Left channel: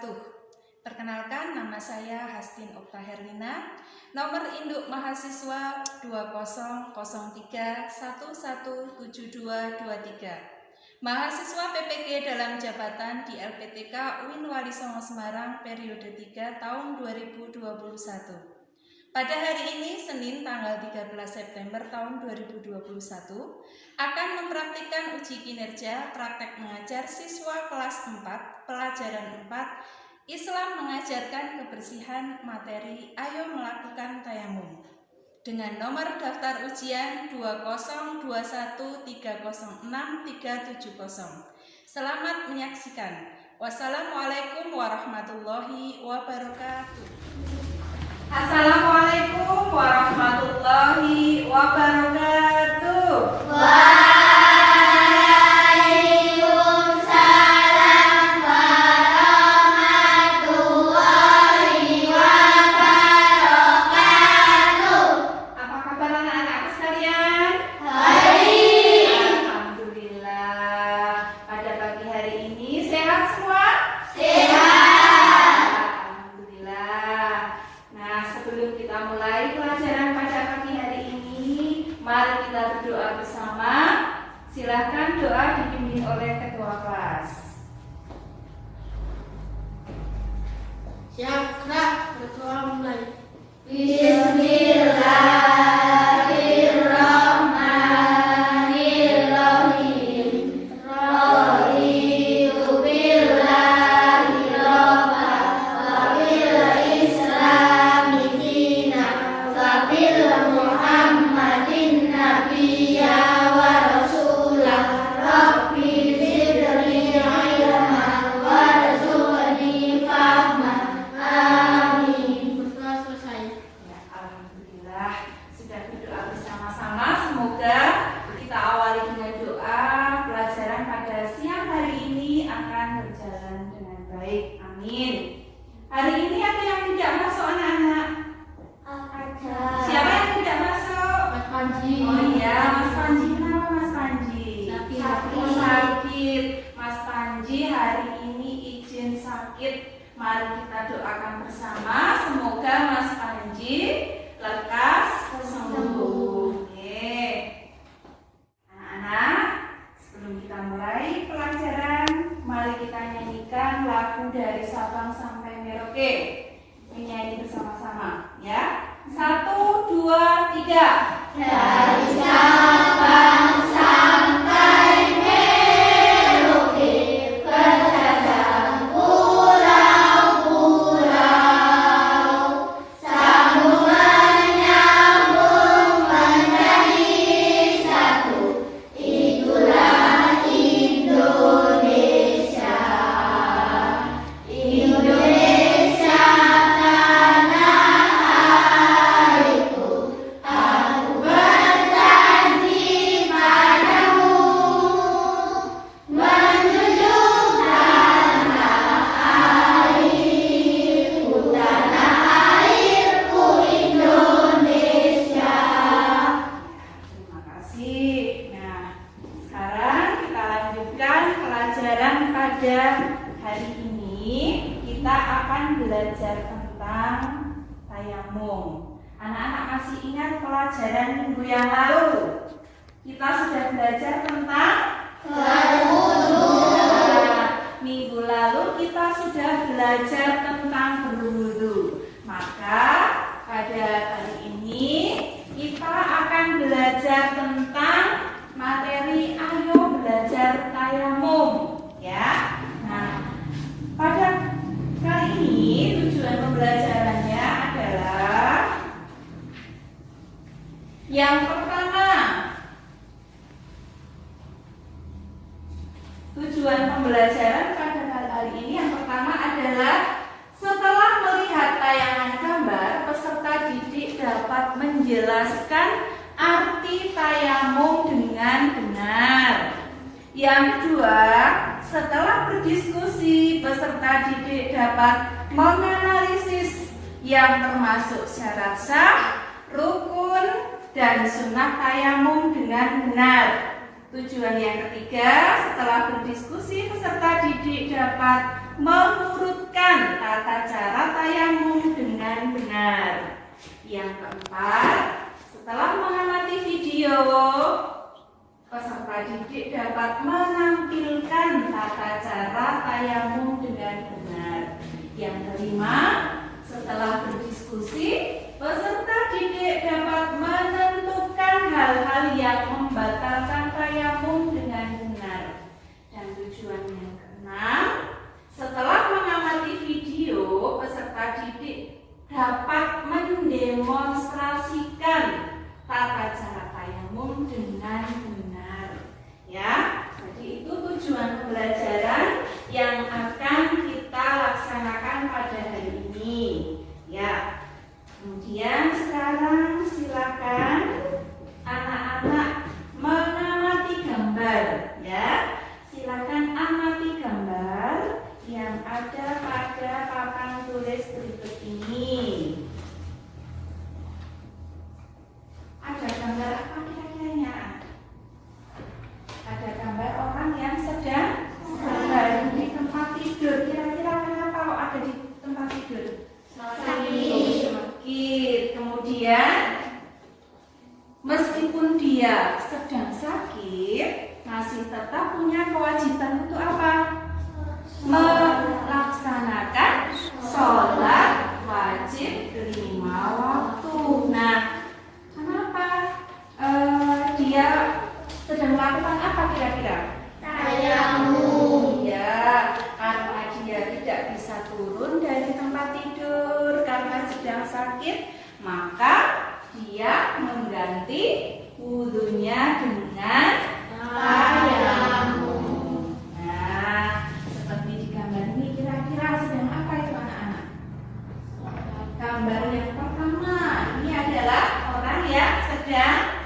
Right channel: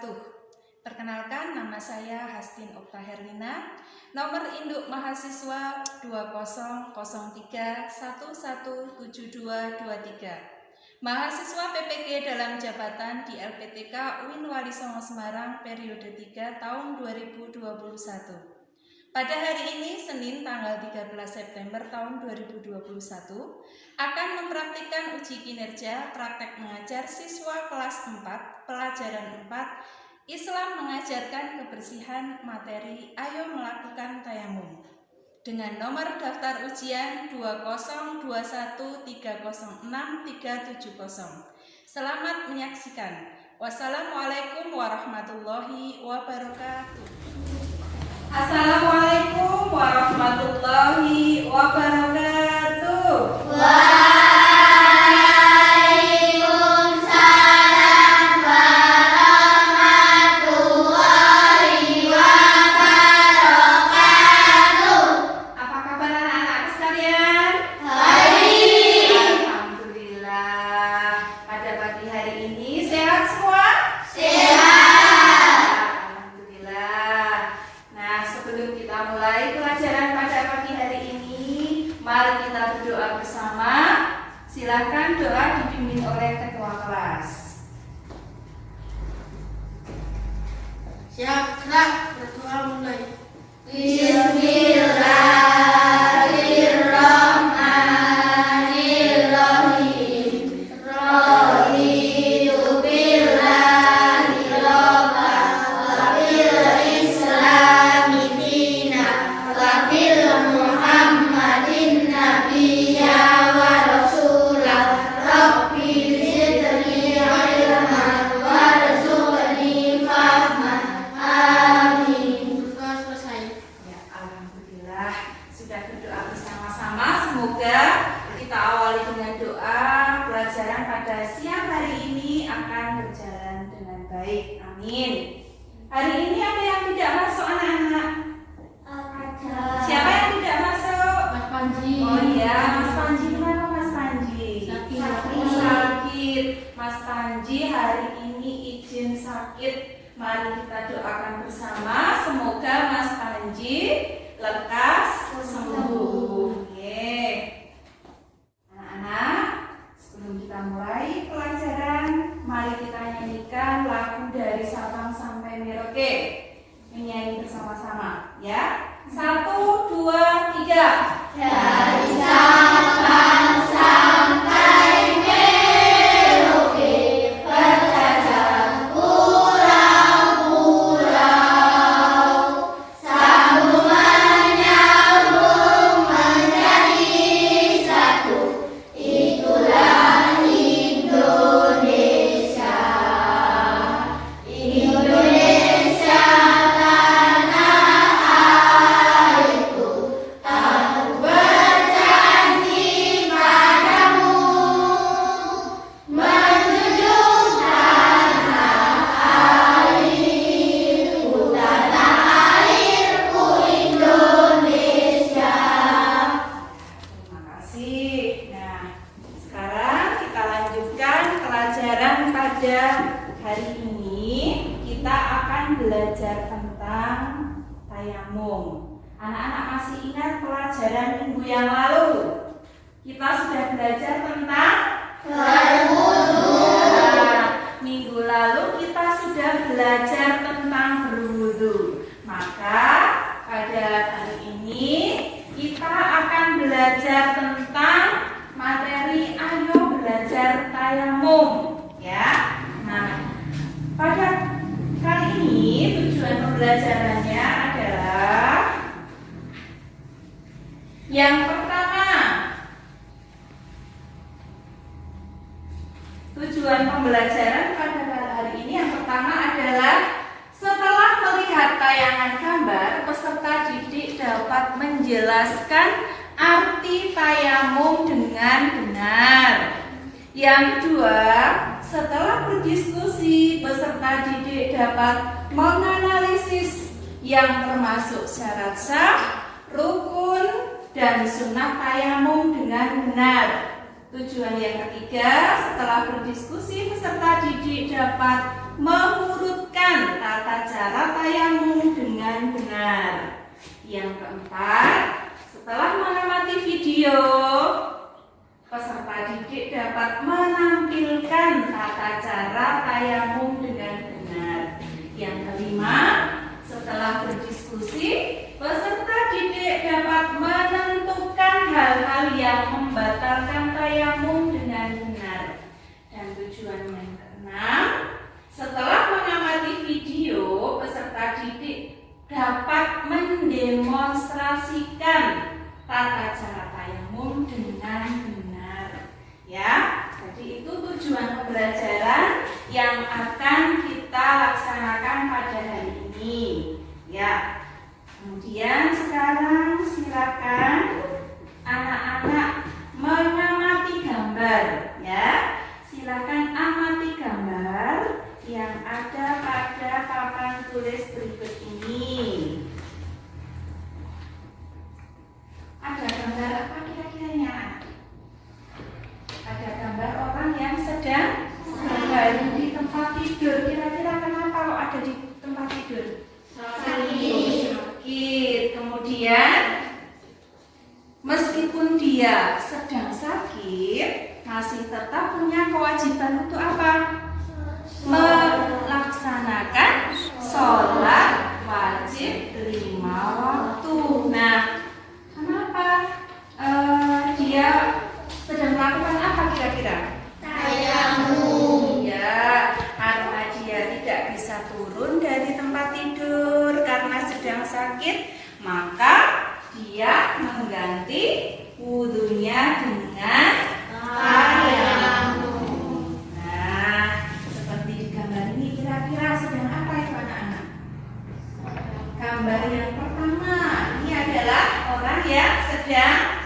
wabarakatuh. Perkenalkan, nama saya Hastin Okta Herlina, nomor induk mahasiswa 2001117223. Mahasiswa PPG dalam jabatan di LPTK UIN Wali Songo Semarang periode 3 tahun 2021. Pada hari ini, Senin tanggal 13 September tahun 2021, akan mempraktikkan uji kinerja praktek mengajar siswa kelas 4, pelajaran 4, Islam mengajarkan kebersihan materi Ayo Melakukan Tayamum, dengan nomor daftar ujian 20213063770. Selamat menyaksikan. Wassalamualaikum warahmatullahi wabarakatuh. Assalamualaikum warahmatullahi wabarakatuh. Waalaikumsalam warahmatullahi wabarakatuh. Apa kabar anak-anak sekalian? Baik. Alhamdulillah. Pada pagi hari ini sehat semua? Sehat. Sebelum kita mulai pelajaran pada pagi hari ini, mari kita berdoa bersama. Silakan doa dipimpin oleh ketua kelas. Siap, ketua mulai. Bismillahirrahmanirrahim. Raditu billahi rabban wa bil islami dinan wa bil muhammadin nabiyya wa rasulah. Rabbi zidni ilman warzuqni fahman. Amin. Selesai. Ya, alhamdulillah sudah berdoa bersama-sama. Semoga kita awali dengan doa. Pelajaran pada siang hari ini akan berjalan dengan baik. Amin. Hari ini ada yang tidak masuk anak-anak? Ada. Siapa yang tidak masuk? Mas Panji. Oh iya, Mas Panji. Kenapa Mas Panji? Sakit. Oh, sakit. Mas Panji hari ini izin sakit. Mari kita doakan bersama. Semoga Mas Panji lekas sembuh. Oke. Anak-anak, sebelum kita mulai pelajaran, mari kita nyanyikan lagu dari Sabang sampai Merauke. Menyanyi bersama-sama, ya. 1, 2, 3. Dari Sabang sampai Merauke, berjajah pulau-pulau, sambungan nyambung menjadi satu. Itulah Indonesia. Indonesia tanah airku. Aku berjanji padamu, menjunjung tanah airku, Indonesia. Terima kasih. Nah, sekarang kita lanjutkan pelajaran pada hari ini. Kita akan belajar tentang tayamum. Anak-anak masih ingat pelajaran minggu yang lalu? Kita sudah belajar tentang Berwudu. Nah, minggu lalu kita sudah belajar tentang berwudu. Maka pada hari ini kita akan belajar tentang materi Ayo Belajar Tayamum, ya. Nah, pada kali ini tujuan pembelajarannya adalah yang pertama. Tujuan pembelajaran pada hari ini yang pertama adalah setelah melihat tayangan gambar, peserta didik dapat menjelaskan arti tayamum dengan benar. Yang kedua, setelah berdiskusi, peserta didik dapat menganalisis yang termasuk syarat sah, rukun, dan sunnah tayamum dengan benar. Tujuan yang ketiga, setelah berdiskusi, peserta didik dapat mengurutkan tayamum dengan benar. Yang keempat, setelah mengamati video, peserta didik dapat menampilkan tata cara tayamum dengan benar. Yang kelima, setelah berdiskusi, peserta didik dapat menentukan hal-hal yang membatalkan tayamum dengan benar. Dan tujuan yang keenam, setelah mengamati video, peserta didik dapat mendemonstrasikan tata cara tayamum dengan benar. Ya, jadi itu tujuan pembelajaran yang akan kita laksanakan pada hari ini. Ya, kemudian sekarang silakan anak-anak mengamati gambar. Ya, silakan amati gambar yang ada pada papan tulis berikut ini. Ada gambar apa kira-kiranya? Ada gambar orang yang sedang berbaring di tempat tidur. Kira-kira kenapa kalau ada di tempat tidur? Sakit. Kemudian meskipun dia sedang sakit, masih tetap punya kewajiban untuk apa? Melaksanakan sholat wajib 5 waktu. Nah, kenapa dia sedang melakukan apa kira-kira? Tayamum. Ya, karena dia tidak bisa turun dari tempat tidur karena sedang sakit, maka dia mengganti wudhunya dengan tayamum. Nah, seperti di gambar ini, kira-kira sedang apa itu anak-anak? Gambar yang pertama, ini adalah orang yang sedang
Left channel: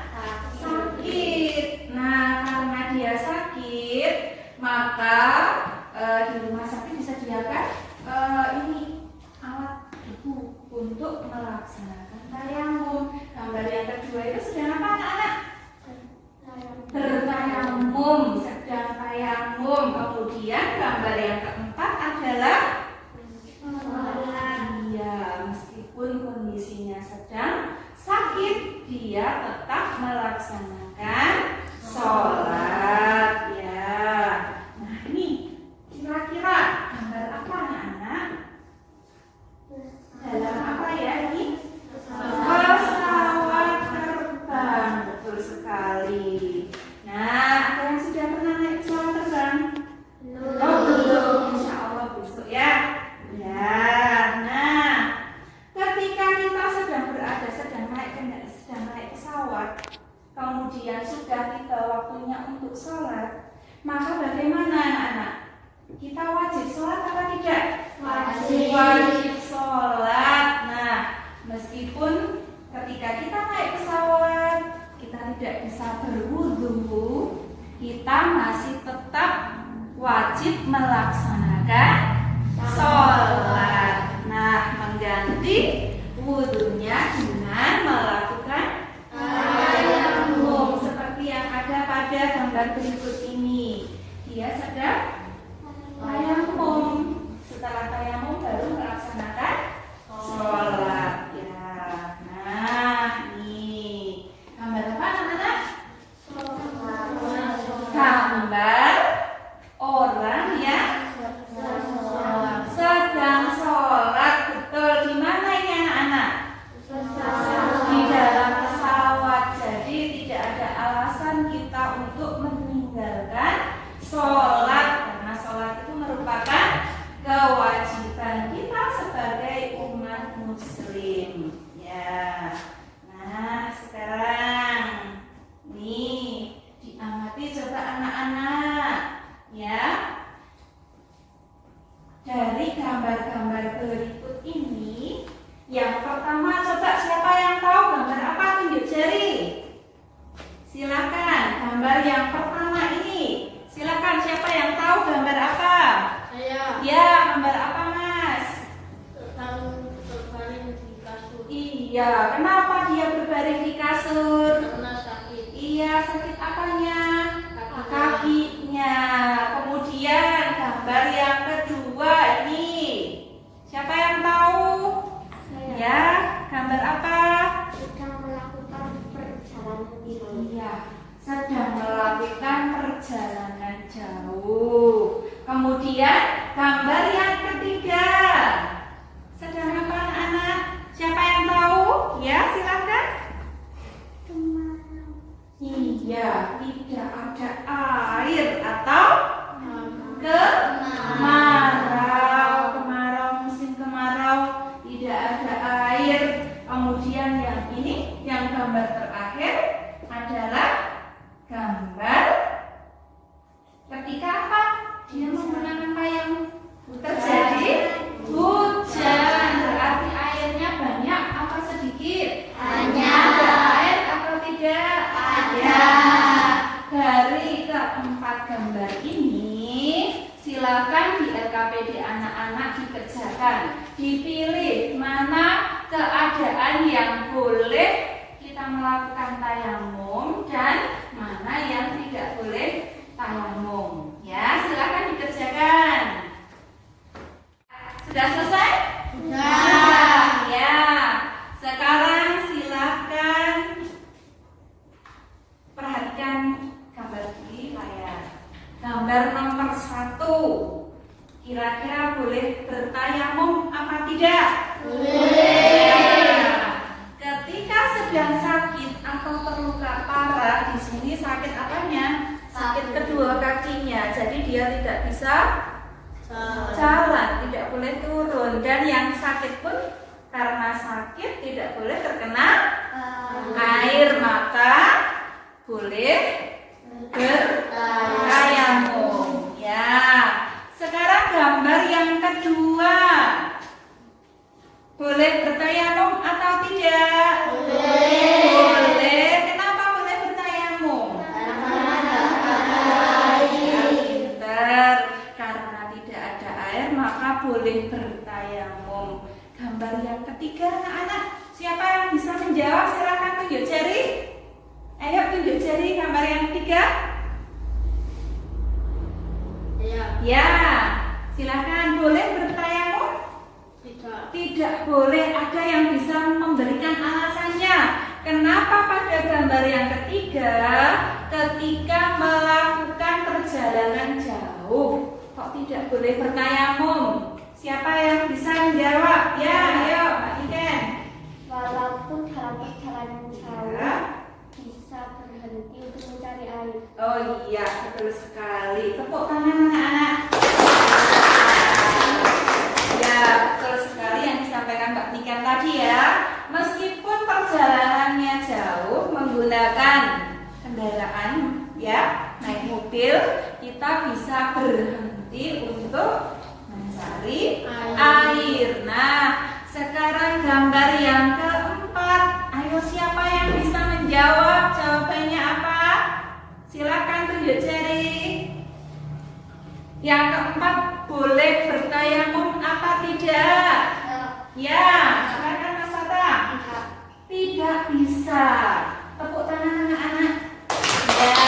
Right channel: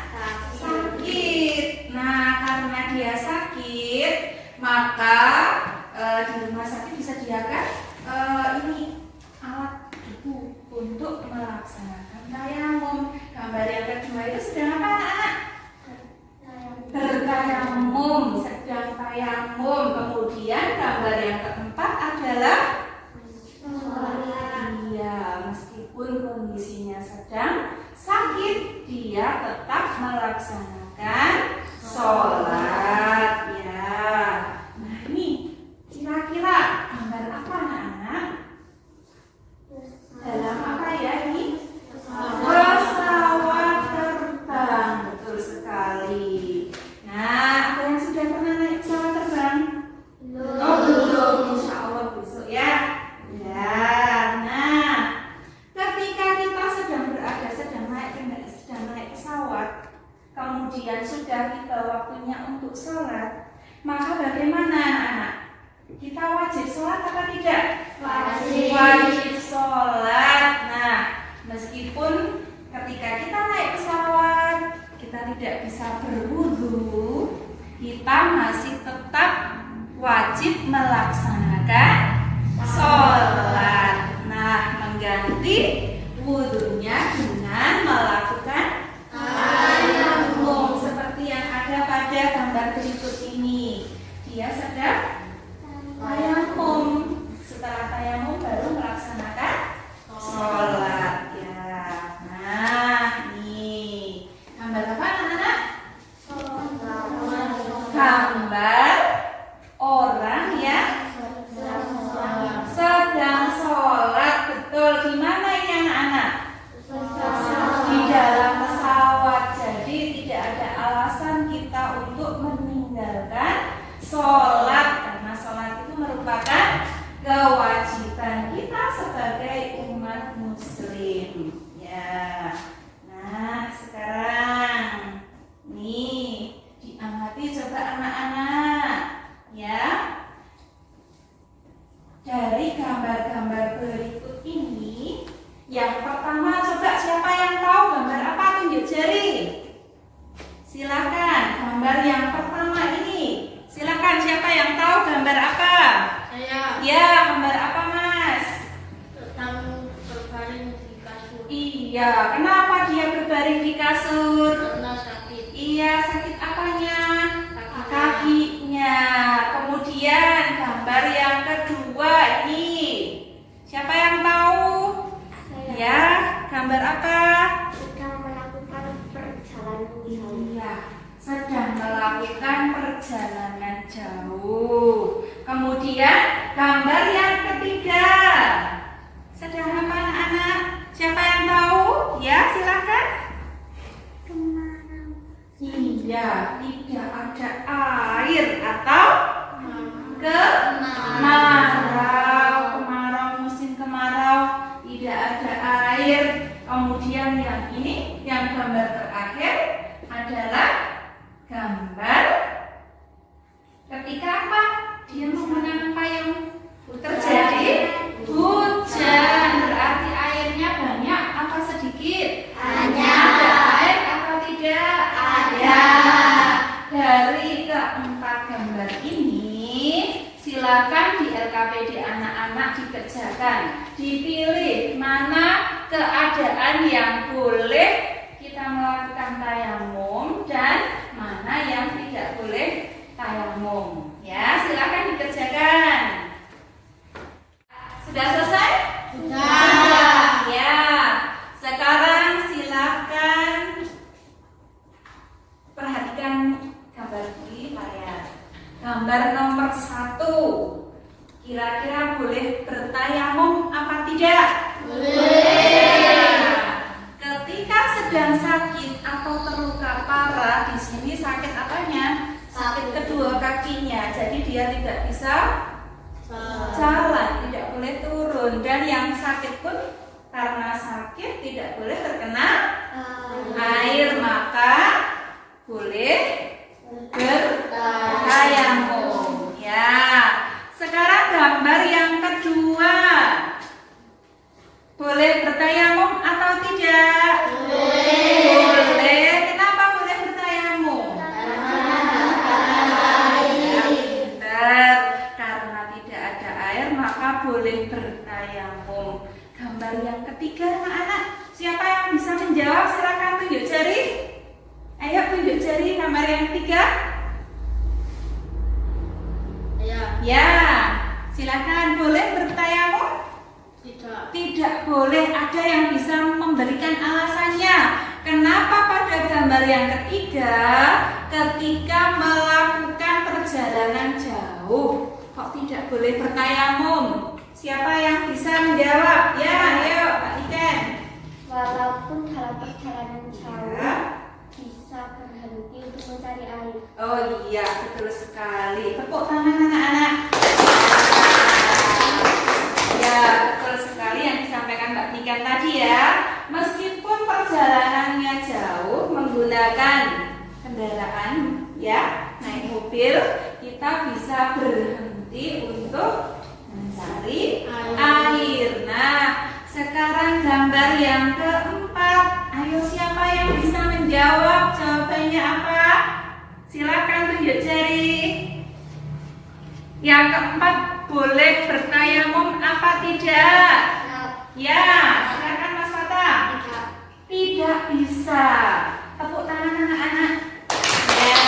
sakit. Nah, karena dia sakit, maka di rumah sakit disediakan ini alat debu untuk melaksanakan tayamum. Gambar yang kedua itu sedang apa anak-anak? Bertayamum, sedang tayamum. Kemudian gambar yang keempat adalah dia meskipun kondisinya sedang sakit, dia tetap melaksanakan sholat. Ya, nah ini kira-kira gambar apa anak-anak? Dalam apa ya ini? Pesawat terbang, betul sekali. Nah, ada yang sudah pernah naik pesawat terbang? Oh belum, insya Allah besok ya. Ya, nah, ketika kita sedang naik pesawat, kemudian sudah tiba waktunya untuk sholat, maka bagaimana anak-anak? Kita wajib sholat apa tidak? Wajib sholat. Nah, meskipun ketika kita naik pesawat kita tidak bisa berwudu, kita masih tetap wajib melaksanakan sholat. Nah, mengganti wudunya dengan melakukan tayamum seperti yang ada pada gambar berikut ini. Dia sedang tayamum. Setelah tayamum baru melaksanakan sholat. Ya, nah ini gambar apa anak-anak? Gambar orang yang sedang sholat. Betul. Di mana ini anak-anak? Di dalam pesawat. Jadi tidak ada alasan kita untuk meninggalkan sholat, karena sholat itu merupakan kewajiban kita sebagai umat muslim. Ya. Nah, sekarang nih diamati coba anak-anak. Ya. Dari gambar-gambar berikut ini, yang pertama coba siapa yang tahu gambar apa? Tunjuk jari. Silakan, gambar yang pertama ini. Silakan, siapa yang tahu gambar apa? Saya Ya, gambar apa Mas? berbaring di kasur Iya, kenapa dia berbaring di kasur? karena sakit. Iya, sakit apanya? Kakinya. Kemudian gambar yang kedua ini. Siapa yang tahu? gambar terakhir adalah gambar ketika apa? Dia menggunakan payung. Terjadi hujan, berarti airnya banyak apa sedikit? Banyak. Ada air atau tidak? Ada. Dari keempat gambar ini, silakan di LKPD anak-anak dikerjakan. Dipilih mana keadaan yang boleh kita melakukan tayamum dan mana yang tidak boleh tayamum. Ya, silakan dikerjakan. Sudah selesai? Sudah. Ya. Sekarang silakan perhatikan gambar di layar. Gambar nomor 1. Kira-kira boleh bertayamum apa tidak? Boleh. Ketika sedang sakit atau terluka parah, di sini sakit apanya? Sakit kedua kakinya. Jadi dia tidak bisa jalan, tidak boleh turun, dan yang sakit pun karena sakit tidak boleh terkena air, maka boleh bertayamum. Ya. Sekarang gambar yang kedua. Boleh bertayamum atau tidak? Boleh. Kenapa boleh bertayamum? Pintar. Karena tidak ada air maka boleh bertayamum. Gambar yang ketiga, anak-anak. Siapa yang bisa menjawab? Silakan tunjuk jari. Ayo tunjuk jari gambar yang ketiga. Ya, silakan. Boleh bertayamum? Tidak. Tidak boleh. Ada yang bisa memberikan alasannya. Kenapa pada gambar yang ketiga, ketika melakukan perjalanan jauh, kok tidak boleh bertayamum? Siapa yang bisa menjawab? Ya, ayo Pak Iken. Walaupun dalam perjalanan jauh Ya. bisa berhenti untuk mencari air. Oh iya, betul sekali. Tepuk tangan anak-anak. Ya, betul sekali yang disampaikan Mbak Niken tadi ya. Meskipun perjalanannya jauh menggunakan kendaraan ya, naik mobil, kita bisa berhenti untuk mencari air. Nah, sekarang gambar yang keempat. Ayo, siapa yang bisa menjawab? Jawabannya apa? Silakan tunjuk jari. Yang keempat, boleh bertayamum apa tidak? Ya, silakan Mas Fata. Tidak bisa. Tepuk tangan anak-anak. Ya.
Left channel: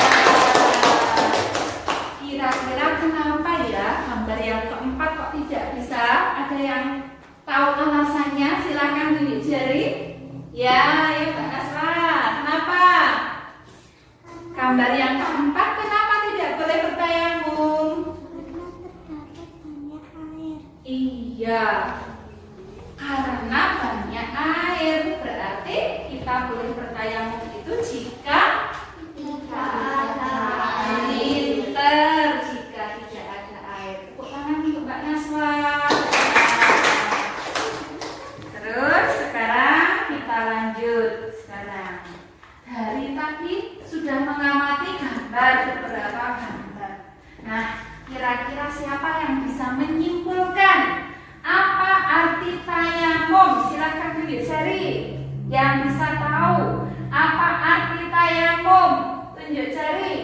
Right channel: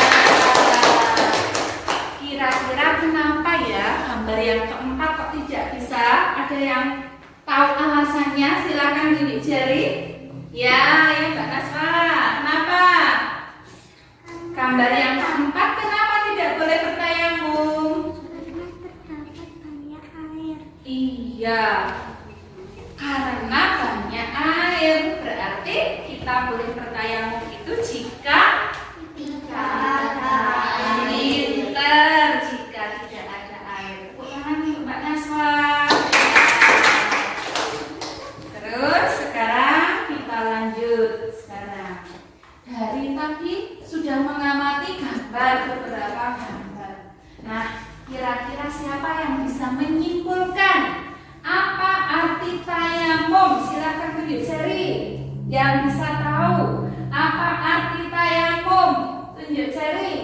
Kira-kira kenapa ya gambar yang keempat kok tidak bisa? Ada yang tahu alasannya? Silakan tunjuk jari. Ya, Mbak Naswa. Kenapa? Gambar yang keempat kenapa tidak boleh bertayamum? Terdapat banyak air. Iya, karena banyak air. Berarti kita boleh bertayamum itu jika Tidak ada pinter, jika tidak ada air. Tepuk tangan untuk Mbak Naswa. Terus sekarang kita lanjut. Sekarang dari tadi sudah mengamati gambar, beberapa gambar. Nah, kira-kira siapa yang bisa menyimpulkan apa arti tayamum? Silakan tunjuk jari. Yang bisa tahu apa arti tayamum? Tunjuk jari.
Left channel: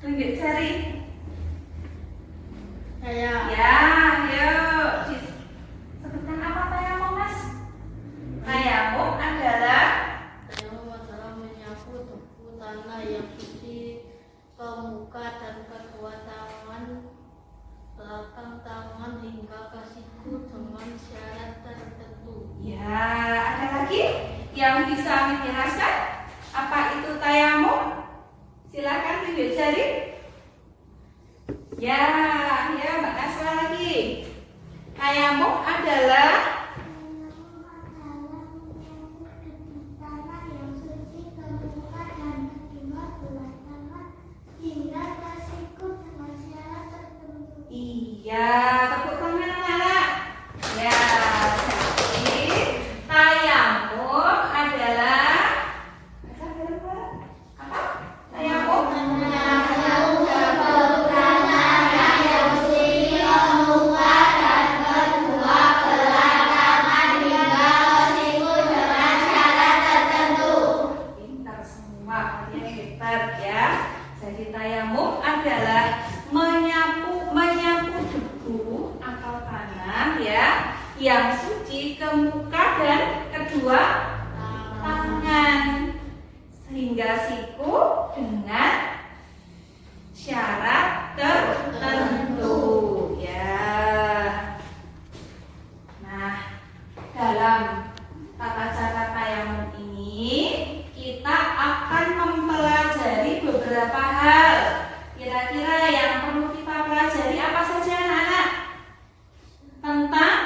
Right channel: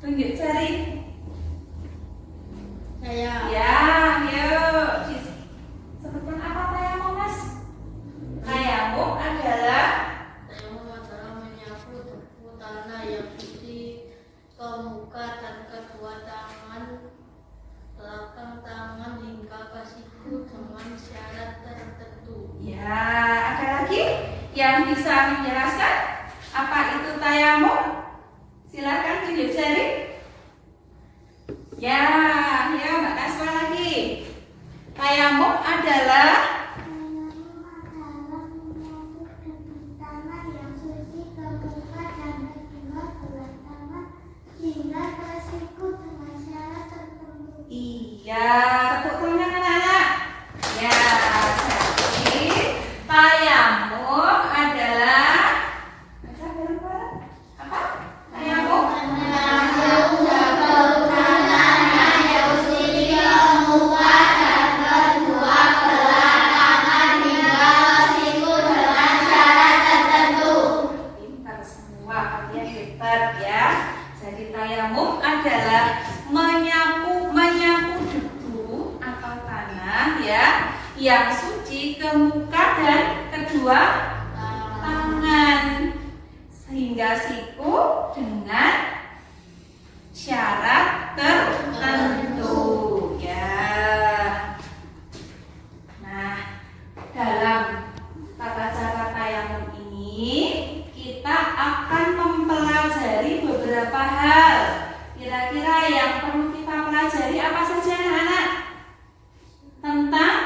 Tunjuk jari. Saya. Ya, yuk. Sebutkan apa tayamum, Mas? Tayamum adalah Adalah menyapu tepu tanah yang suci ke muka dan kedua tangan, belakang tangan hingga ke siku dengan syarat tertentu. ya, ada lagi yang bisa menjelaskan apa itu tayamum? Silakan tunjuk jari. Ya, ya Mbak Naswa lagi. Tayamum adalah menyapu debu tanah yang suci ke muka dan kedua belah tangan hingga ke siku dengan syarat tertentu. iya, tepuk tangan anak-anak. Ya, jadi yang suci ke muka dan kedua tangan, sehingga siku dengan syarat tertentu ya. Nah, dalam tata cara tayamum ini kita akan mempelajari beberapa hal. Kira-kira yang perlu kita pelajari apa saja anak-anak? Tentang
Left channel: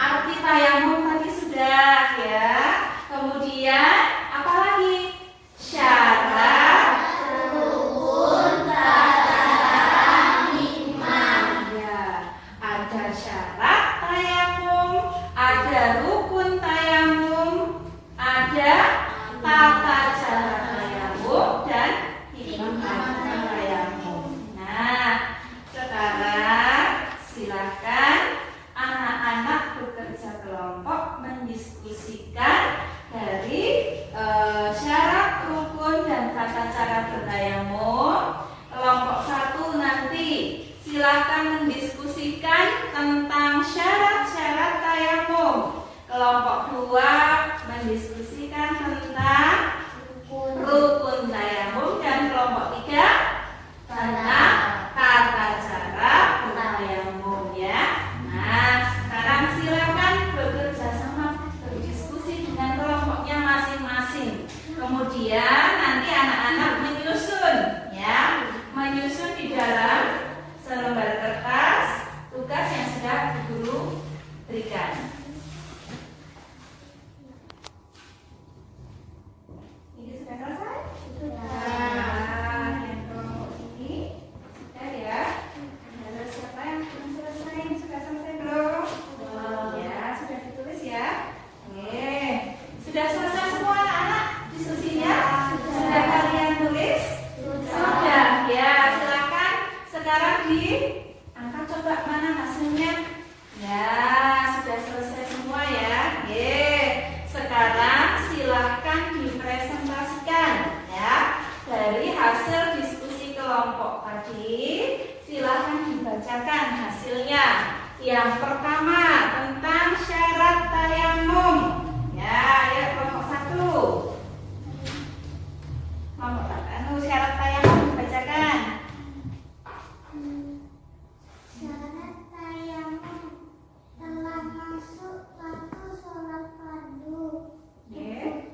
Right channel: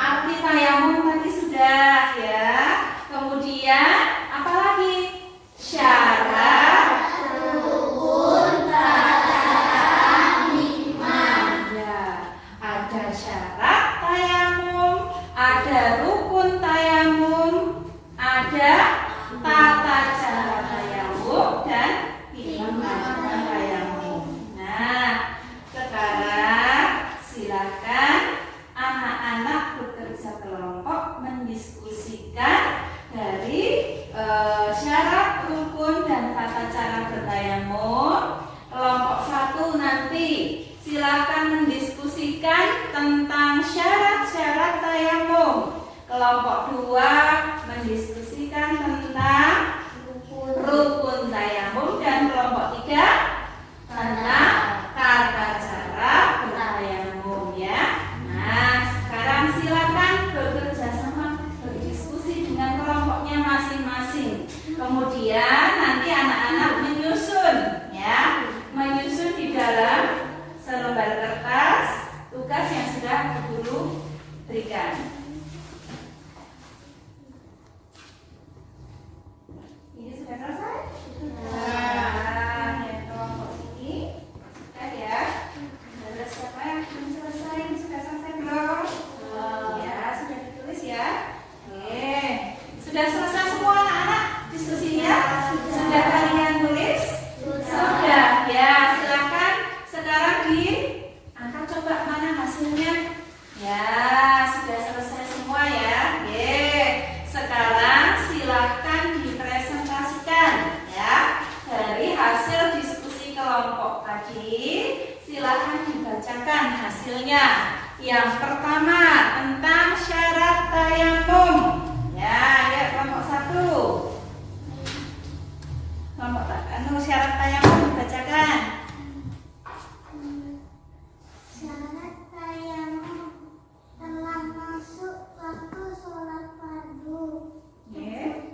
arti tayamum tadi sudah ya. Kemudian apa lagi? Syarat Rukun tata iman. ya. Ada syarat tayamum, ada rukun tayamum, ada tata cara tayamum dan hikmah tayamum. Nah, sekarang silakan anak-anak bekerja kelompok mendiskusikan dari syarat, rukun, dan tata cara bertayamum. Kelompok 1 nanti silakan mendiskusikan tentang syarat-syarat tayamum. Kelompok 2 mendiskusikan tentang rukun tayamum, dan kelompok 3 tentang tata cara bertayamum ya. Nah, sekarang silakan bekerja sama, berdiskusi dengan kelompoknya masing-masing. Kemudian nanti anak-anak menyusun ya, menyusun di dalam selembar kertas tugas yang sudah guru berikan. Ini sudah selesai? Nah, yang kelompok ini sudah ya. Ada siapa yang belum selesai? Ini sudah selesai belum? Ya, sudah ditulis ya. Oke, sudah selesai semua anak-anak diskusinya? Sudah kalian tulis? Sudah ya. Silakan sekarang diangkat, coba mana hasilnya? Ya, sudah selesai semua ya. Oke, sekarang silahkan dipresentasikan ya. Dari hasil diskusi kelompok tadi, silahkan dibacakan hasilnya. Yang pertama tentang syarat tayamum. Ya, ayo kelompok 1. Kelompok syarat tayamum dibacakan. Syarat tayamum telah masuk waktu sholat fardu.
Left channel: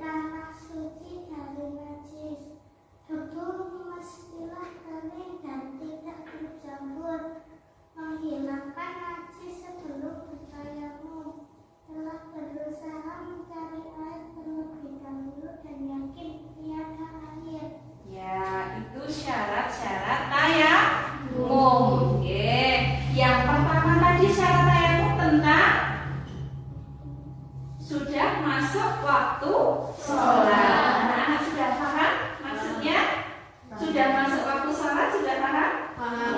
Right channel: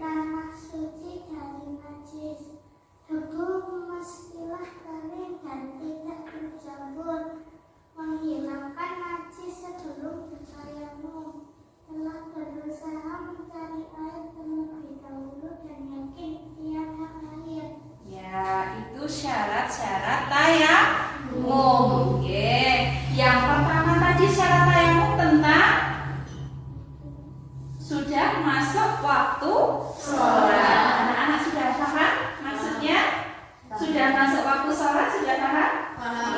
Tanah suci dari najis. Hukum mestilah kering dan tidak bercampur. Menghilangkan najis sebelum bertayamum. Telah berusaha mencari air terlebih dahulu dan yakin tiada air. Ya, itu syarat-syarat tayamum. Oke. Yang pertama tadi syarat tayamum tentang sudah masuk waktu sholat. Anak-anak sudah paham maksudnya? Sudah masuk waktu sholat, sudah paham?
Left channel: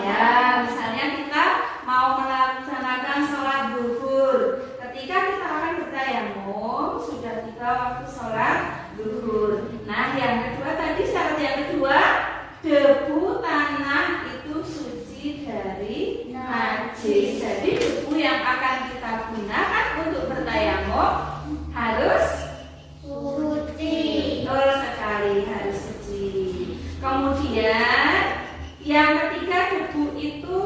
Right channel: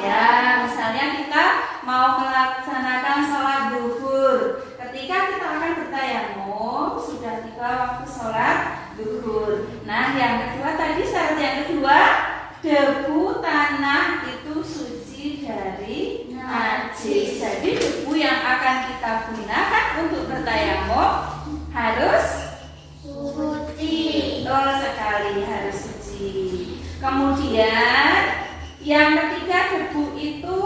Ya, misalnya kita mau melaksanakan sholat zuhur. Ketika kita akan bertayamum, sudah tiba waktu sholat zuhur. Nah, yang kedua tadi syarat yang kedua, debu tanah itu suci dari najis. Jadi debu yang akan kita gunakan untuk bertayamum harus Suci. betul sekali, harus suci. Kemudian yang ketiga, debu itu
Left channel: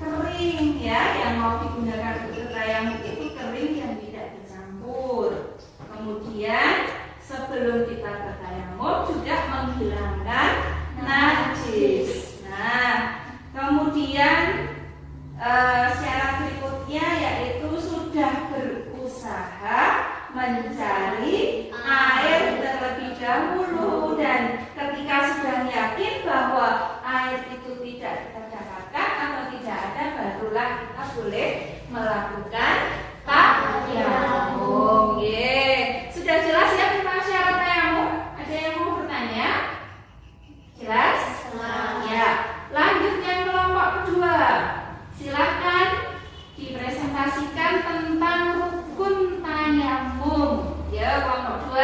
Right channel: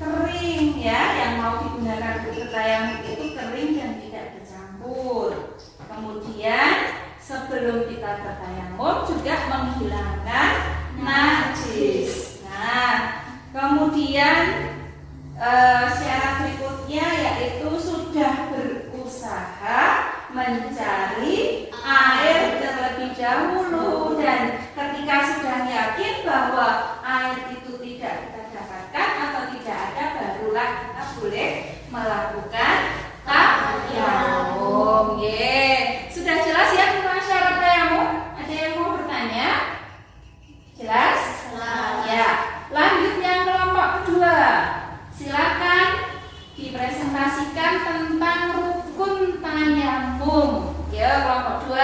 kering ya, yang mau digunakan untuk bertayamum itu kering dan tidak bercampur. Kemudian sebelum kita bertayamum juga menghilangkan najis. Nah, kemudian syarat berikutnya yaitu sudah berusaha mencari air terlebih dahulu, dan ketika sudah yakin bahwa air itu tidak kita dapatkan atau tidak ada, barulah kita boleh melakukan tayamum. Sudah jelas ya tentang syarat tayamum? Ada yang mau bertanya? Jelas? Ya. Lanjut yang kelompok kedua. Silakan dipresentasikan tentang rukun tayamum. Ya, kelompok 2.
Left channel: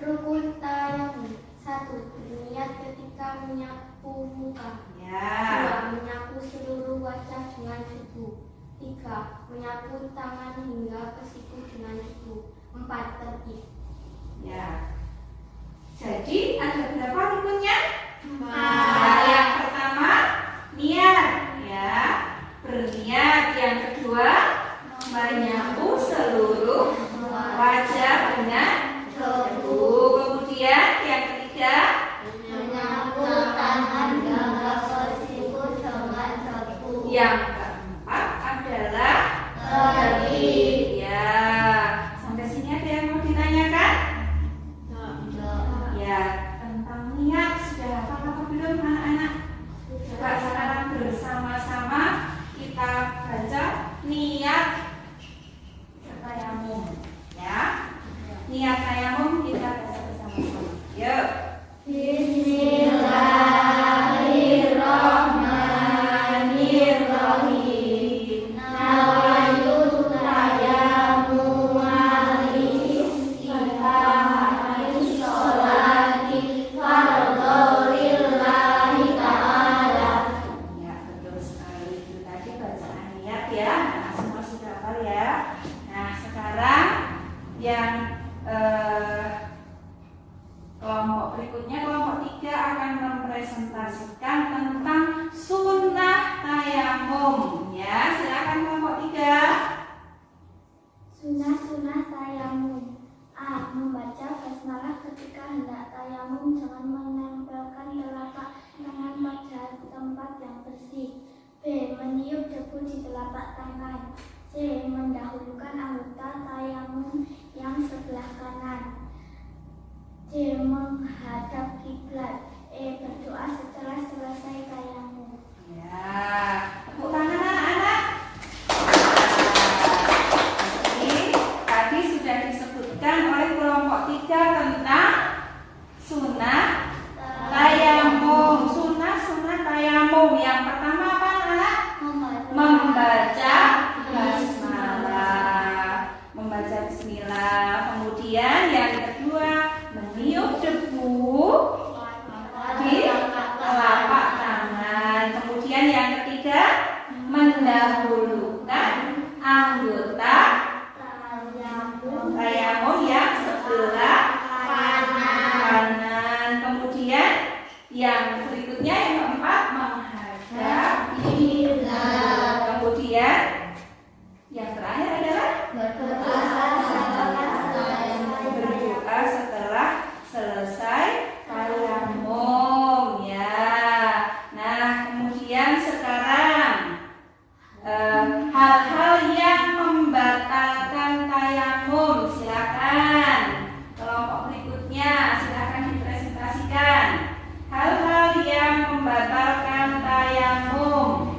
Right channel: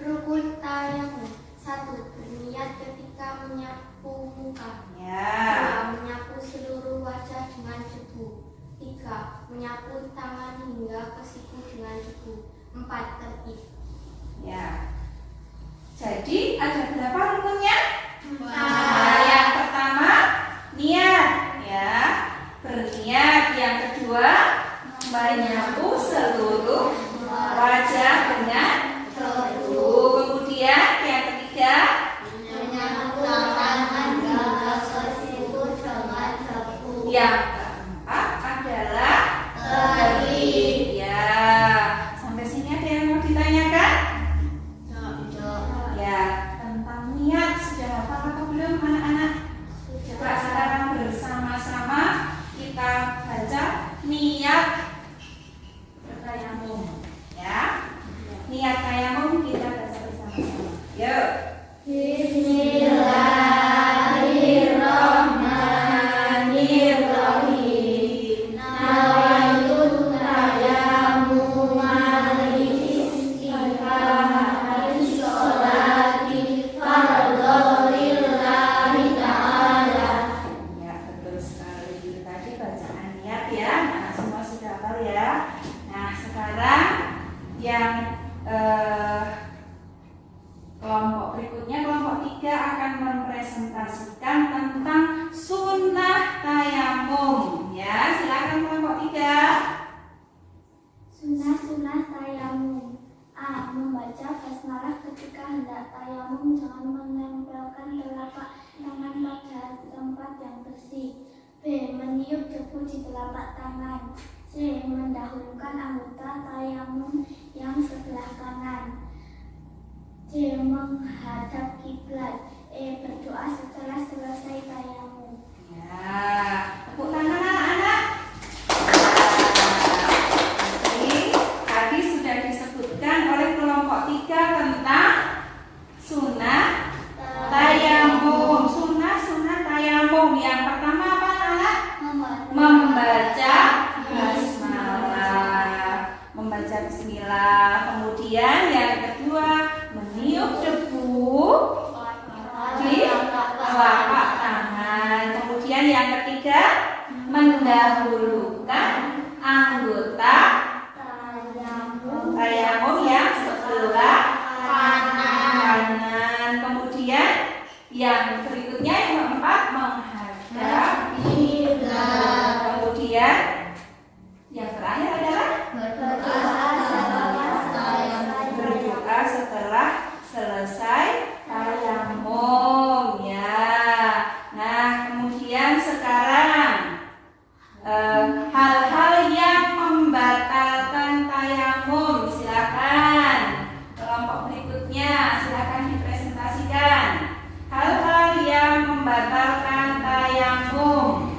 Rukun tayamum. 1. Berniat ketika menyapu muka. Ya. 2. Menyapu seluruh wajah dengan debu. 3. menyapu tangan hingga ke siku dengan debu. 4. Tertib. Ya. Jadi ada berapa rukunnya? 4. Nah, yang pertama niat, ya, berniat. Yang kedua menyapu seluruh wajah dengan debu. Kemudian yang ketiga Menyapu tangan hingga ke siku dengan debu. yang keempat adalah Tertib. ya. Sampai sini ada yang mau ditanyakan? Ya, tentang niat sudah hafal atau belum anak-anak? Coba sekarang bersama-sama kita baca niat tayamum, ya. Niat tayamum kita baca bersama-sama. Yuk. Bismillahirrahmanirrahim. Nawaitu tayammum al-istiqamah sholati fardholillahi ta'ala. Ya, betul sekali. Itu tadi bacaan niat ya. Nah, semua sudah hafal ya. Nah, sekarang yang kelompok berikutnya, kelompok 3 akan mempresentasikan tentang sunnah tayamum. Ya, silakan kelompok 3. Sunnah-sunnah tayamum. A. Membaca basmalah ketika hendak tayamum. Jangan menempelkan telapak tangan pada tempat yang bersih. B. Meniup debu di telapak tangan. C. Mendahulukan anggota tayamum yang sebelah kanan. D. Menghadap kiblat. E. Berdoa setelah selesai tayamum. Ya, tepuk tangan anak-anak. Jadi, tadi sudah disebutkan oleh kelompok 3 tentang sunnah tayamum. Sunnah tayamum. Yang pertama apa anak? Membaca basmalah, membaca bismillah. Kemudian yang kedua meniup debu di telapak tangan. Kemudian yang ketiga mendahulukan anggota tayamum yang sebelah kanan. Kemudian yang berikutnya yang keempat menghadap kiblat. Kemudian yang terakhir adalah berdoa setelah selesai tayamum, ya. Nah, kemudian sekarang hal-hal yang membatalkan tayamum, silakan kelompok berikutnya silakan dipresentasikan. Hal-hal yang membatalkan tayamum.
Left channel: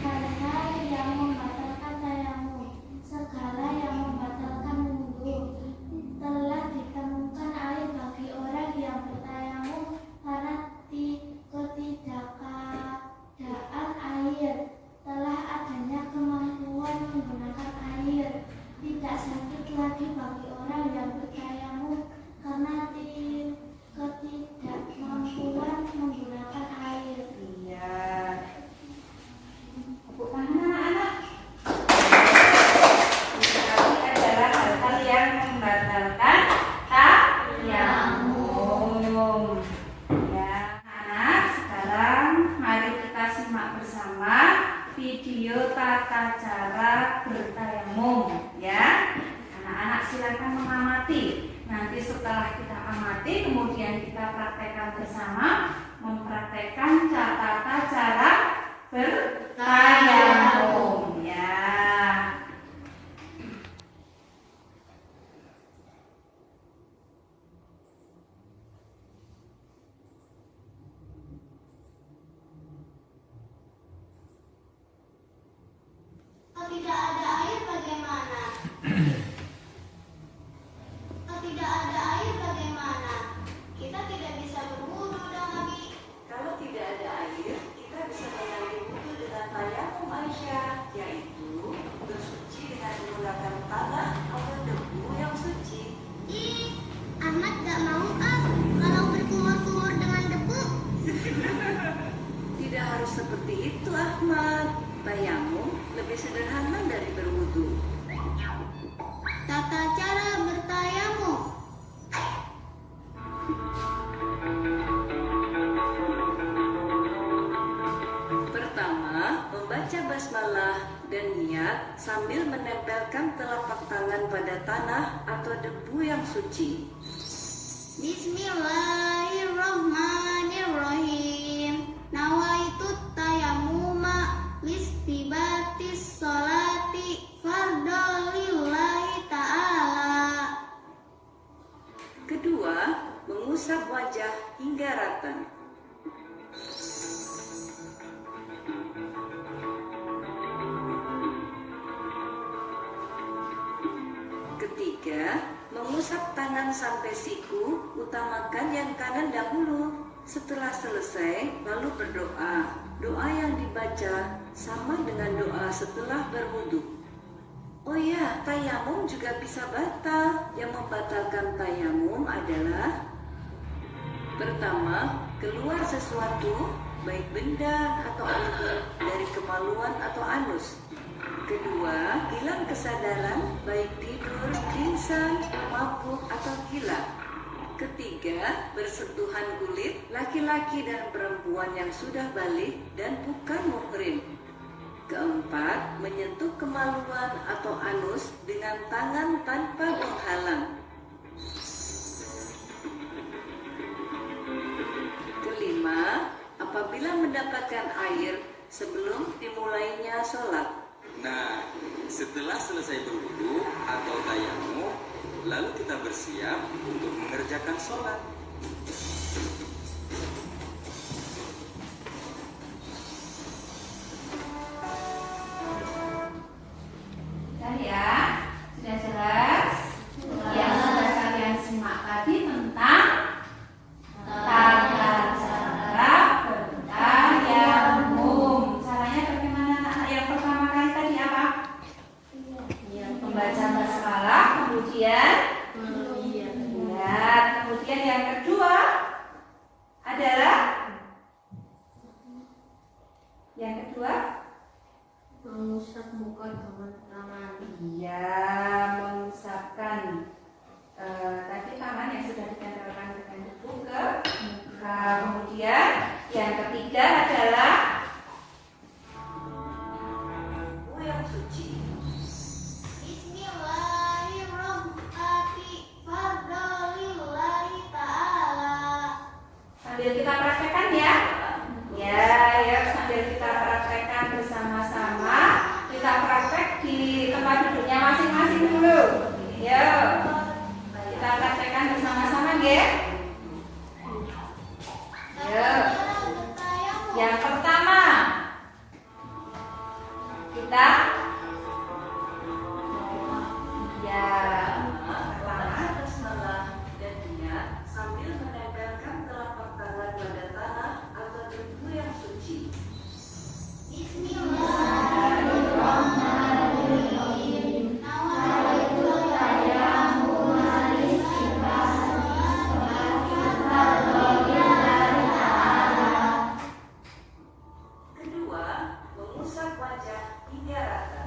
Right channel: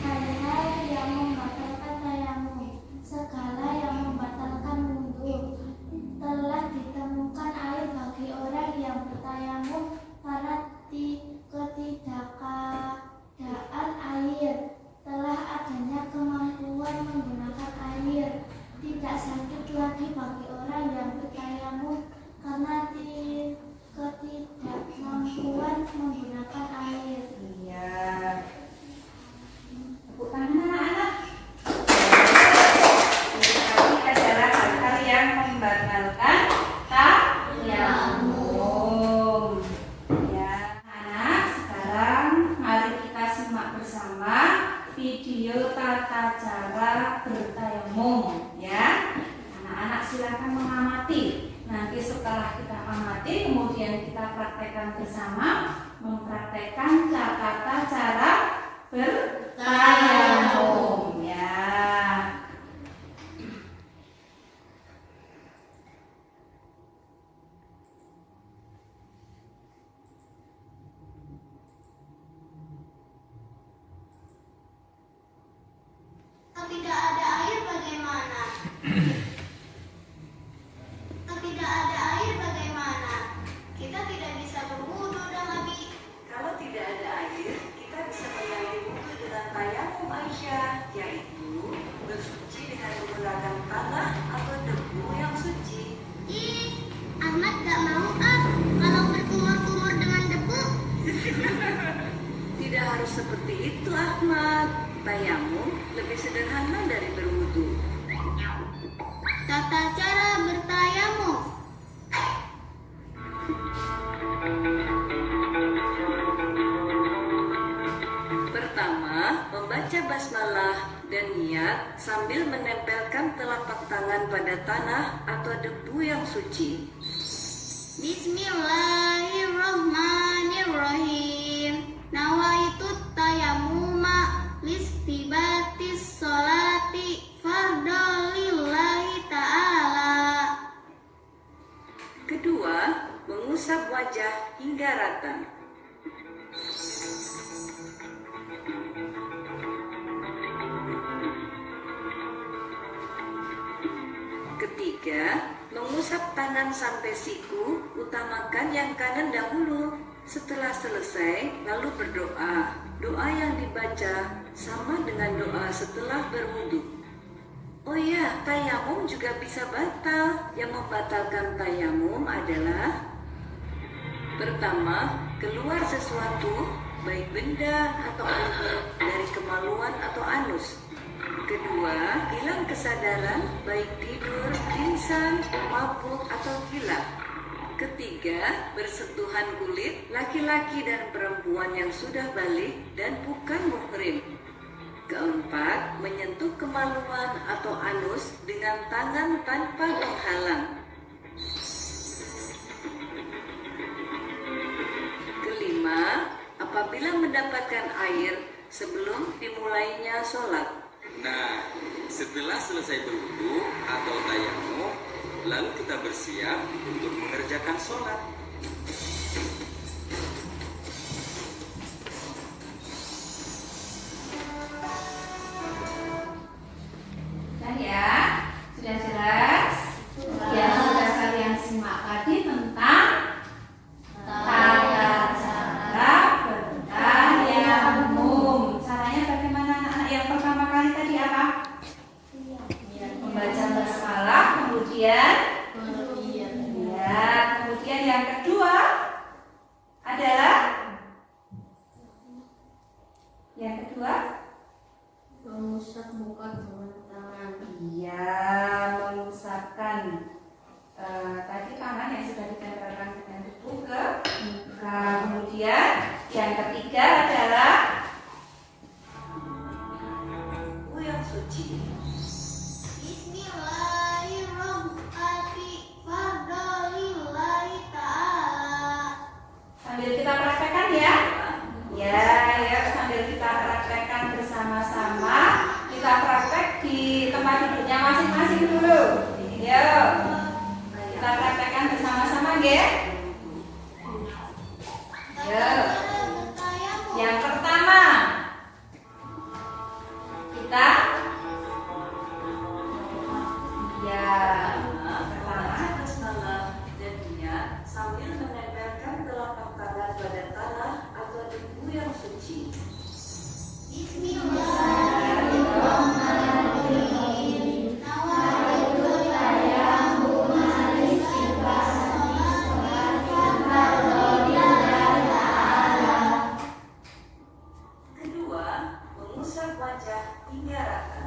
Hal-hal yang membatalkan tayamum. Segala yang membatalkan wudhu. Telah ditemukan air bagi orang yang bertayamum karena ketidakadaan air. Telah adanya kemampuan menggunakan air. Tidak sakit lagi bagi orang yang bertayamum karena ketidakmampuan menggunakan air. Iya. Tepuk tangan anak-anak. Ini adalah hal-hal yang membatalkan tayamum. Ya. Nah, sekarang mari kita simak bersama video tata cara bertayamum, ya. Anak-anak silakan mengamati. Nanti setelah kita amati, kemudian kita praktekkan bersama, mempraktekkan tata cara bertayamum, ya. Kalau tidak ada air bagaimana? Kalau tidak ada air bagaimana? Kita tidak bisa berwudu dan Nabi. Kalau tidak ada air, kita bisa mengambil wudhu dengan tayamum Aisyah, yaitu bersuci dengan menggunakan tanah atau debu yang suci. Ih, Ahmad gak mau kalau berkumur-kumur dengan debu. Tidak harus seperti seperti itu, Ahmad. Tayamum lebih sederhana dari berwudu. Tata cara bertayamum. Pertama, membaca basmalah dan niat sambil menempelkan telapak tangan pada tanah atau debu yang suci. Bismillahirrahmanirrahim. Nawaitu tayamuma listibatis sholati fardolillahi ta'ala. Kedua, mengusap wajah hingga rata. Ketiga, mengusap tangan sampai siku, utamakan yang kanan dahulu. Setelah selesai, lalu berdoa. Doa yang dibaca sama dengan doa setelah berwudu. Oh ya, tayamum juga bisa batal. Yang membatalkan tayamum adalah: pertama, keluar sesuatu, baik benda atau air dari kemaluan atau anus. Kedua, hilang kesadaran, baik tidur, pingsan, mabuk, atau gila. Ketiga, bersentuhan kulit laki-laki dan perempuan yang sudah balik dan bukan muhrim. Keempat, menyentuh kemaluan atau anus dengan tangan tanpa penghalang. Kelima, apabila mendapatkan air sebelum dimulainya sholat. Nah, setelah selesai berwudu atau tayamum, lalu kita bersiap untuk mengerjakan sholat. Sudah ya? Sudah jelas? Yang sudah kalian simak tadi tentang tata cara bertayamum. Caranya bagaimana anak-anak? Yang pertama kali tadi apa? Membaca basmalah, kemudian yang kedua adalah Mengusap muka dengan tangan. Iya, mengusapkan tadi tangan yang sudah ditempelkan dengan debu ke muka. Kemudian yang ketiga adalah Debu yang suci. Bismillahirrahmanirrahim. Fardolillahi ta'ala. sambil kita praktekkan ya. Ya, sambil kita praktekkan bersama-sama. Kita praktek di tempat duduknya masing-masing dulu. Yo, kita praktekkan bersama-sama, ya. Yo. Yang pertama, kita Membaca basmalah dan niat sambil menempelkan telapak tangan pada tanah atau debu yang suci. Bismillahirrahmanirrahim. Nawaitu tayamum listibatis sholati fardolillahi ta'ala. Kedua, mengusap wajah hingga rata.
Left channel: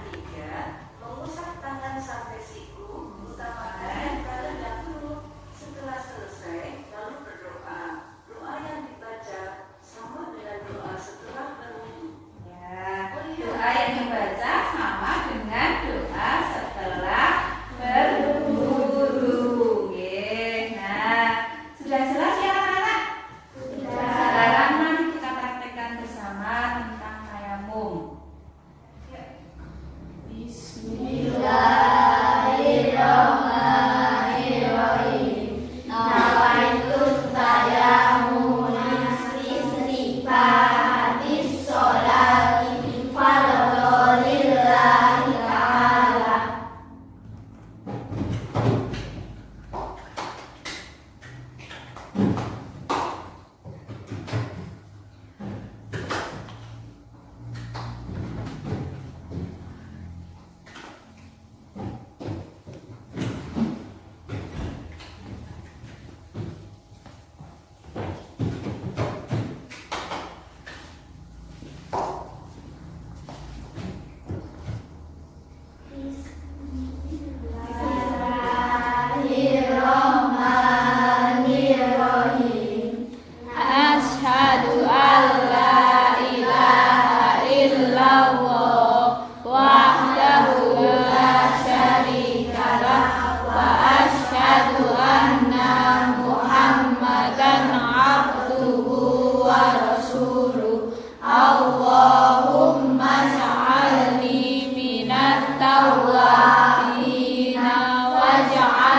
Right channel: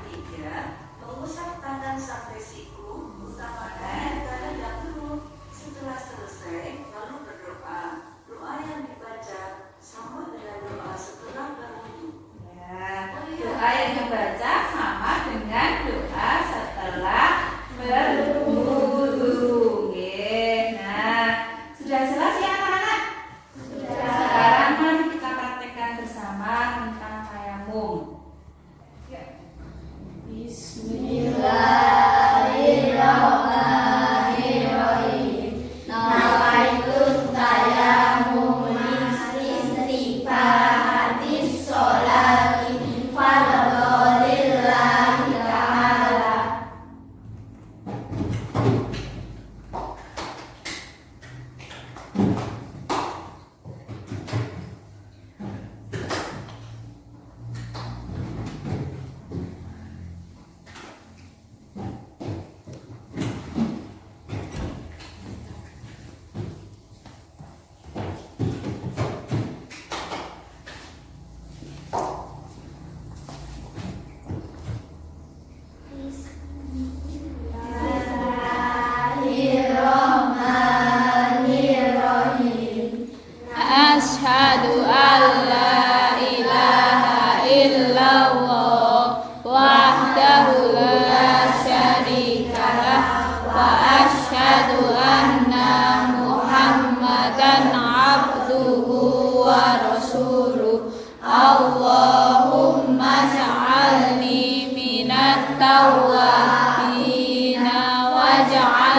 Ketiga, mengusap tangan sampai siku, utamakan yang kanan dahulu. Setelah selesai, lalu berdoa. Doa yang dibaca sama dengan doa setelah berwudu. doa yang dibaca sama dengan doa setelah berwudu.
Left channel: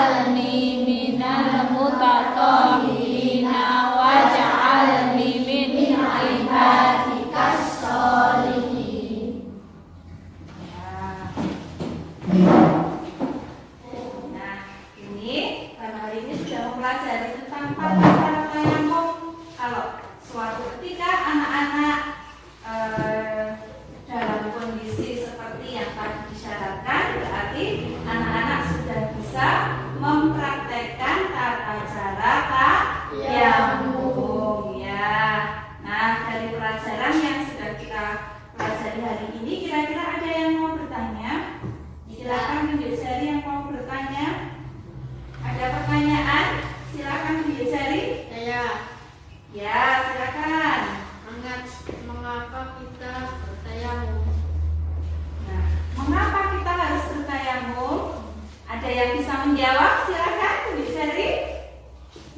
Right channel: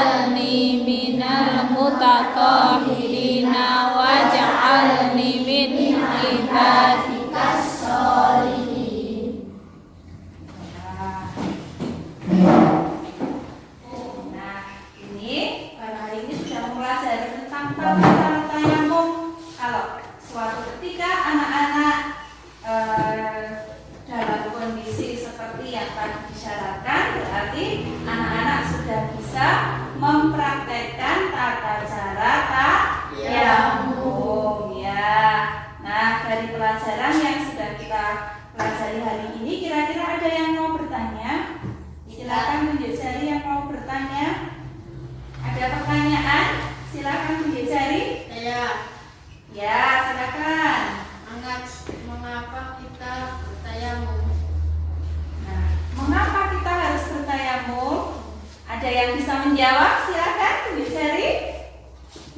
waj'alni minal mutatahhirina waj'alni min ibadikas sholihin. Nah, ini pada hari ini sudah mempelajari tentang tata cara tayamum. Kalau suatu ketika anak-anak dalam kondisi seperti yang tadi disyaratkan, berarti anak-anak sudah bisa mempraktekkan tata cara tayamum ya. Nah, dari pelajaran yang sudah kita pelajari hari ini, kira-kira ada yang mau bertanya? Silakan tunjuk jari yang mau bertanya. Ada pertanyaan? Silakan tunjuk jari. Ya, silakan. Mengapa kita bertayamum? Nah, mengapa kita harus bertayamum? Ada yang bisa menjawab? Silakan tunjuk jari.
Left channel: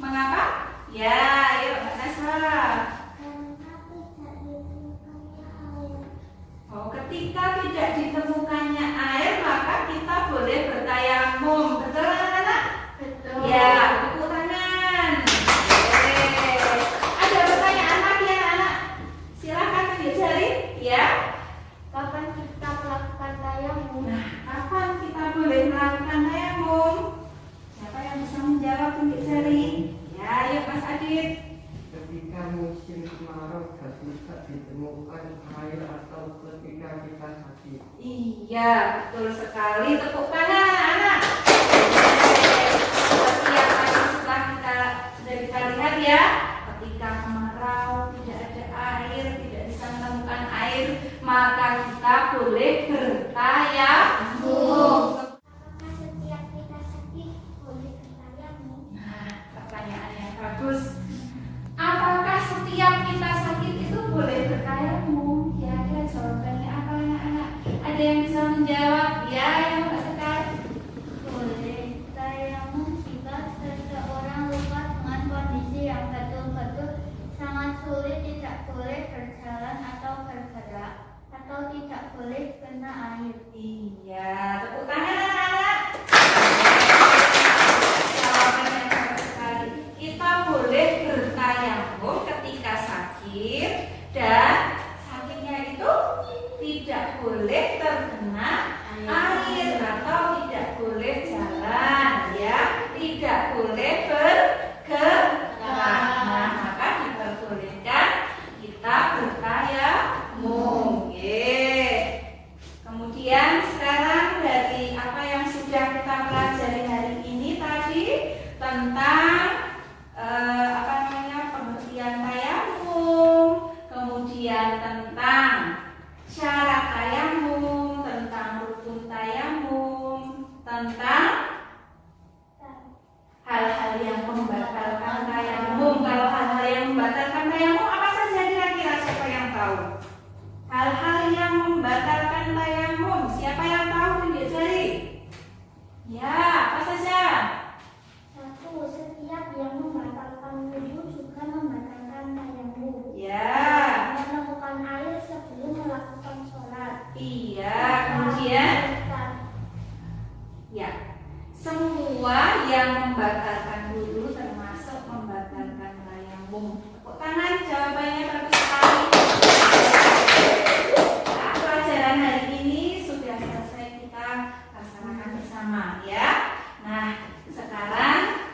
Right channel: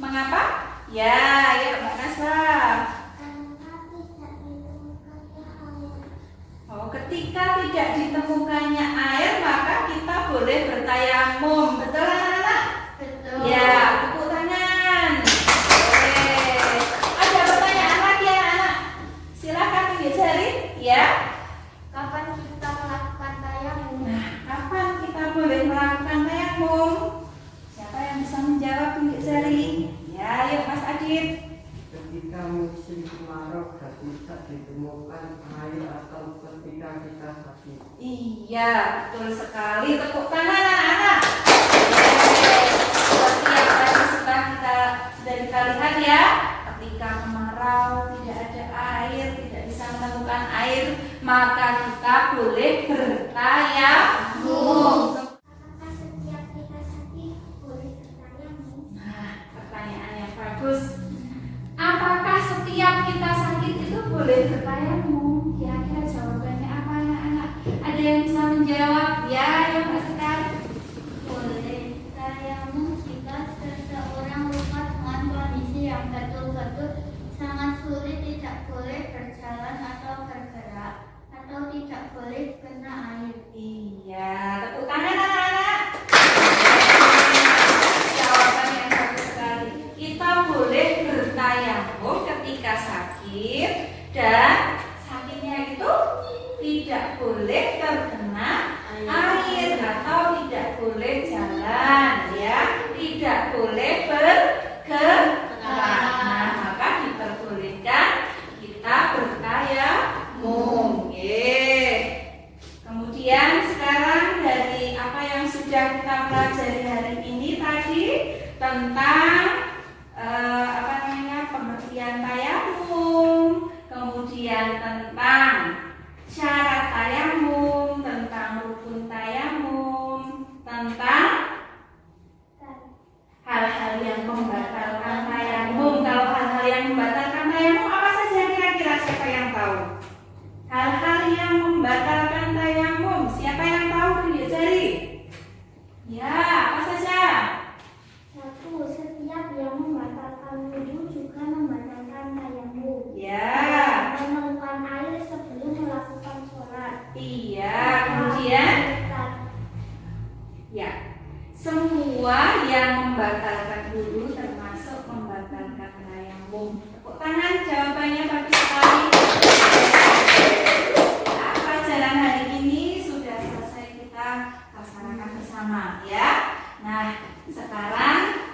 Mengapa? Ya, ayo Mbak Naswa. Oh, ketika tidak ditemukannya air, maka kita boleh bertayamum. Betul anak-anak? Betul. Ya, tepuk tangan. Oke. Ada pertanyaan lagi anak-anak? Silakan tunjuk jari. Ya. Kapan kita melakukan tayamum? Nah, kapan kita boleh melakukan tayamum? Siapa yang bisa menjawab tunjuk jari? Ya, ayo Mas Adit. Ketika musim kemarau dan tidak ditemukan air atau ketika kita sakit. Iya, betul sekali. Tepuk tangan anak-anak. Seperti yang tadi sudah kita lihat ya, ketika kemarau tidak ada air, tidak bisa menemukan air, maka kita boleh bertayamum. Apakah setiap kita sakit boleh bertayamum? Nah, pertanyaan yang bagus. Apakah setiap kita sakit itu boleh bertayamum? Kira-kira jawabannya apa anak-anak? Ada yang bisa menjawab? Ya, yang Mbak Sekar. Boleh tayamum jika seseorang lupa dengan kondisi yang betul-betul sangat sulit, tidak boleh berjalan atau bergerak, atau tidak boleh kena air. Iya, tepuk tangan anak-anak. Jawaban yang bagus sekali. Kita boleh bertayamum ketika sakit dan sakitnya itu tidak boleh terkena air atau tidak boleh jalan ya, tidak boleh bergerak. Nah, maka diperbolehkan kita bertayamum. Kemudian sekarang dari apa yang sudah kita pelajari hari ini tadi tentang pengertian tayamum, kemudian tentang syarat tayamum, tentang rukun tayamum, tentang hal-hal yang membatalkan tayamum. Kalau hal-hal yang membatalkan tayamum apa saja kira-kira, siapa yang tahu? Hal-hal yang membatalkan tayamum, siapa yang tahu tunjuk jari? Ya, apa saja? 1. Setiap yang membatalkan wudhu juga membatalkan tayamum. Ya. Menemukan air sebelum melakukan sholat. Iya, kemudian ya, semua yang membatalkan wudhu termasuk membatalkan tayamum. Tepuk tangan, jawabannya bagus sekali. Nah, pelajaran hari ini sudah selesai kita laksanakan bersama ya. Nah, sekarang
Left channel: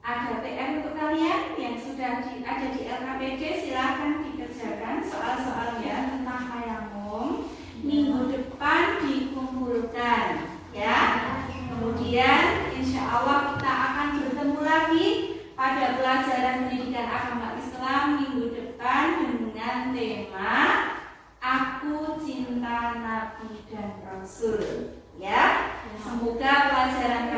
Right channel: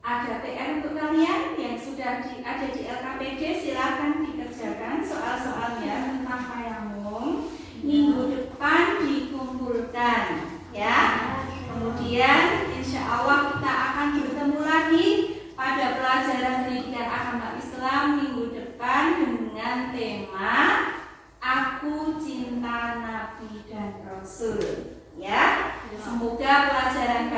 ada PR untuk kalian yang sudah ada di LKPD, silahkan dikerjakan soal-soalnya tentang tayamum. Minggu depan dikumpulkan ya. Kemudian insya Allah kita akan bertemu lagi pada pelajaran pendidikan agama Islam minggu depan dengan tema Aku Cinta Nabi dan Rasul ya. Semoga pelajaran